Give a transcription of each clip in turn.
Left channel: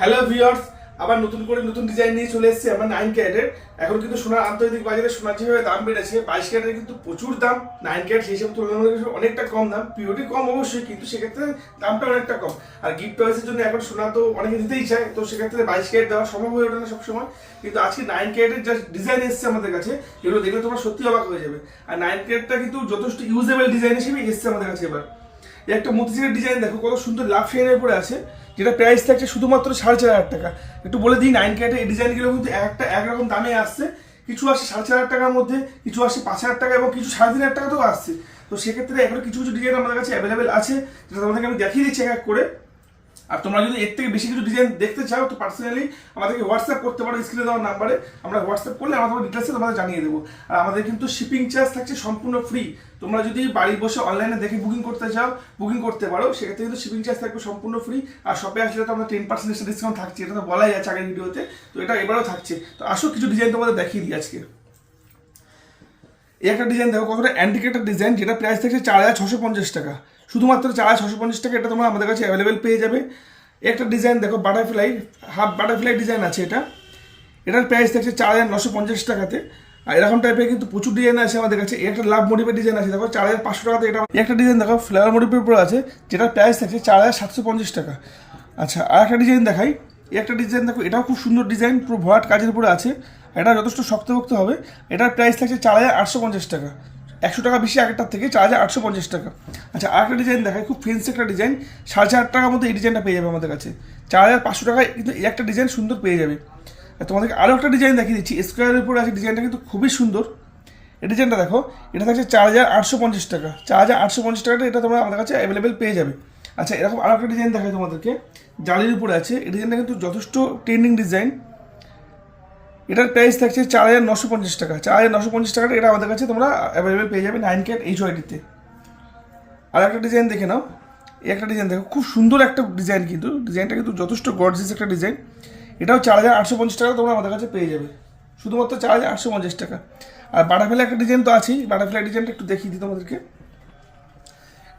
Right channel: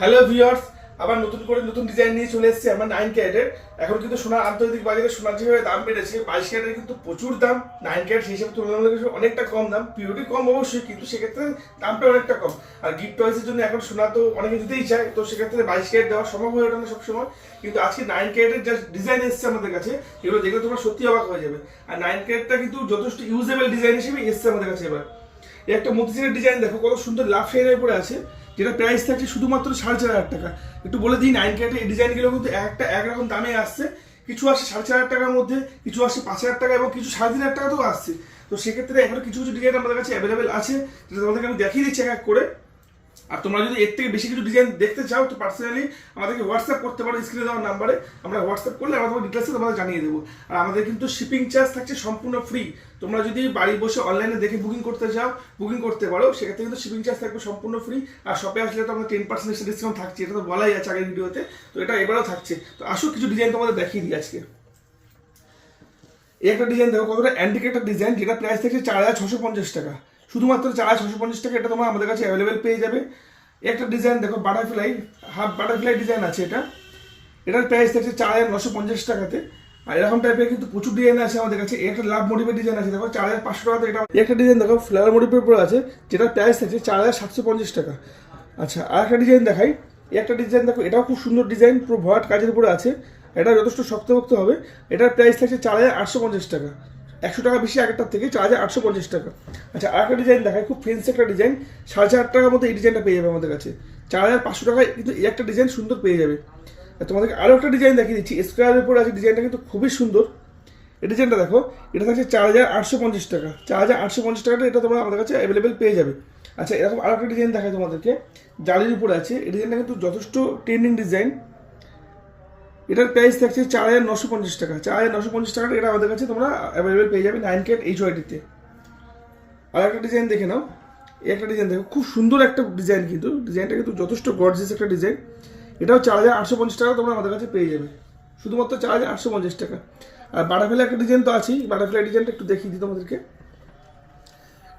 Hello viewers, আবার নতুন করে নতুন ডিজাইন নিয়ে চলে এসেছে আমরা 9 ক্যারেটের। এখন কিন্তু সোনার আন্তর্জাতিক বাজারে সোনার যেভাবে দাম বেড়েছে, 22 ক্যারেটের কিন্তু প্রচুর দাম, 9 ক্যারেট সেই হিসেবে তুলনামূলক অনেকটা কম দাম। পিওরিটি কম অবশ্যই, কিন্তু সেক্ষেত্রে দামটা অনেকটা কম। আর গিফট টয়েসের জন্য এখন সোনা তো অনেকে দিতেই চায়, তো সেক্ষেত্রে 22 ক্যারেট দেওয়া সম্ভব হয়ে ওঠে না সবসময়। কিন্তু আজকে 9 ক্যারেটের যা ডিজাইন এসেছে আমাদের কাছে, এগুলো দেখলে তোমরা সত্যি অবাক হয়ে যাবে। আর 9 ক্যারেটটা কিন্তু যথেষ্ট ইউজেবল ডিজাইন হিসেবে এসেছে আমাদের কাছে। এবার এই একটা মতিঝিলের ডিজাইন দেখো, কত সুন্দর লাভ শেয়ারের উপরে আছে, যেটা প্রাইস থাকছে শুধুমাত্র 4,500 টাকা। একটু বলে দিই, 9 ক্যারেটের এই ডিজাইনগুলো কিন্তু একটা একরকম দামে আসছে। কিছু আসছে 4,500 টাকার মধ্যে, কিছু আসছে 5,000 টাকা এবং কিছু 3,500 টাকাতেও আসছে। তো সেক্ষেত্রে এখনো কিছু কিছু ডিজাইন আমাদের কাছে অ্যাভেলেবেল আছে, যেটা তোমাদেরকে আমি দেখিয়ে দিচ্ছি এক এক করে। আর তোমরা যদি এর থেকে বেশি কিছু ডিজাইন দেখতে চাও, তো পার্সোনালি আমাদেরকে হোয়াটসঅ্যাপ করতে পারো স্ক্রিনে দেওয়ার নাম্বারে। আমরা হোয়াটসঅ্যাপ করলে আমরা তোমার ডিটেলসে তোমাদের জানিয়ে দেবো। আর আমাদের কিন্তু শিপিং চার্জ থাকছে সম্পূর্ণ ফ্রি। তোমরা যদি বাড়ি বসে অনলাইনে দেখে বুকিং করতে চাও, বুকিং করতে পারো, সেক্ষেত্রে কিন্তু শিপিং চার্জ থাকবে সম্পূর্ণ ফ্রি। আর শপে আসলে তো আমরা 10% ডিসকাউন্ট থাকছে, এটা তো বলাই আছে আগের ভিডিওতে, তো এটা এবারেও থাকছে। তো আসো কিছু ডিজাইন তোমাদের দেখিয়ে দিই আজকে। এই একটা ডিজাইন দেখো, কতটা অ্যান্টিকেটের ডিজাইন, যেটা প্রাইস থাকছে 4,650 টাকা। শুধুমাত্র 4,650 টাকা এটা তোমরা আমাদের কাছে অ্যাভেলেবেল পেয়ে যাবে। একটা ডিজাইন দেখো, বাটারফ্লাই, হাফ বাটারফ্লাই ডিজাইন আছে এটা। এটার প্রাইস থাকছে 4,950 টাকাতে। আর এরকম টাইপের কিন্তু প্রচুর ডিজাইন আছে আমাদের কাছে। একটা লাভ মোটিভের ডিজাইন আছে দেখো, 4,500 টাকাতে। এটা একটা ডিজাইন দেখো, ফ্লাওয়ার মোটিভের উপর আছে, যেটার প্রাইস থাকছে 4,750 টাকা। আচ্ছা, আর একটা ডিজাইন দেখাই। এই একটা ডিজাইন দেখো, এটাও খুব সুন্দর ডিজাইন, পুরো ভরাট কাজের উপরে আছে। এটা যথেষ্ট শক্তভক্ত হবে। এটার প্রাইস থাকছে 4,850 টাকা। 100 টাকা বেশি আগেরটার থেকে, 4,850 টাকা। আচ্ছা, আর একটা ডিজাইন দেখায়, খুব ফেন্সি একটা ডিজাইন, 4,500 টাকার মধ্যে এই ডিজাইনটা পেয়ে যাবে আমাদের কাছে। 4,500 টাকায় কিন্তু এই একটা ডিজাইন সুন্দর পেয়ে যাবে। তোমাদেরকে আরও একটা ডিজাইন দেখিয়ে দিচ্ছি, স্কোয়ারের উপর আছে, ডিজাইনটা কিন্তু খুবই সুন্দর। এই ডিজাইনটা দেখো, এটা থাকছে 4,850 টাকা। 4,850 টাকাটা এটা তোমরা আমাদের কাছে অ্যাভেলেবেল পেয়ে যাবে। আচ্ছা, এরকম আরও একটা ডিজাইন দেখায় তোমাদেরকে, জালির উপরে আছে। এই ডিজাইনটা কিন্তু যথেষ্ট ট্রেন্ডিং ডিজাইন। এটার প্রাইস থাকছে 4,950 টাকা। 4,950 টাকাটা এটা আমাদের কাছে তোমরা অ্যাভেলেবেল পেয়ে যাবে 9 ক্যারেট HYD-তে। আর একটা ডিজাইন দেখে নাও, এই একটা ডিজাইন দেখো, খুব সুন্দর একটা ডিজাইন, কিন্তু ডিজাইনটা কিন্তু যথেষ্ট গর্জিয়াস একটা ডিজাইন। এটাও 4,850 টাকা তোমরা আমাদের কাছে পেয়ে যাবে, শুধুমাত্র 4,850 টাকা। আর বাটারফ্লাই একটা ডিজাইন তো আছেই, বাটারফ্লাই ডিজাইনটা একটু দেখিয়ে দিই তোমাদেরকে।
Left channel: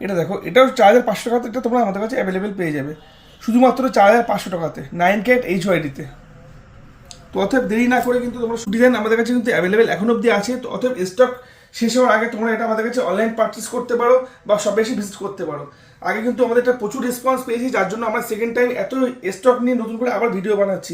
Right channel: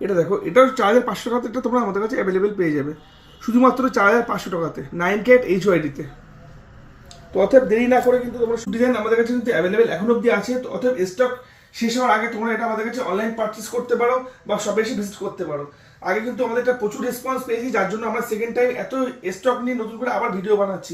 এটা দেখো, এটাও 4,500 টাকাতে এটা তোমরা আমাদের কাছে অ্যাভেলেবেল পেয়ে যাবে, শুধুমাত্র 4,500 টাকাতে 9 ক্যারেট HYD-তে। তো অতএব দেরি না করে কিন্তু তোমার ডিজাইন আমাদের কাছে কিন্তু অ্যাভেলেবেল এখন অবধি আছে। তো অতএব স্টক শেষ হওয়ার আগে তোমরা এটা আমাদের কাছে অনলাইন পারচেস করতে পারো বা শপে এসে ভিজিট করতে পারো। আগে কিন্তু আমাদের একটা প্রচুর রেসপন্স পেয়েছি, যার জন্য আমরা সেকেন্ড টাইম এত স্টক নিয়ে নতুন করে আবার ভিডিও বানাচ্ছি।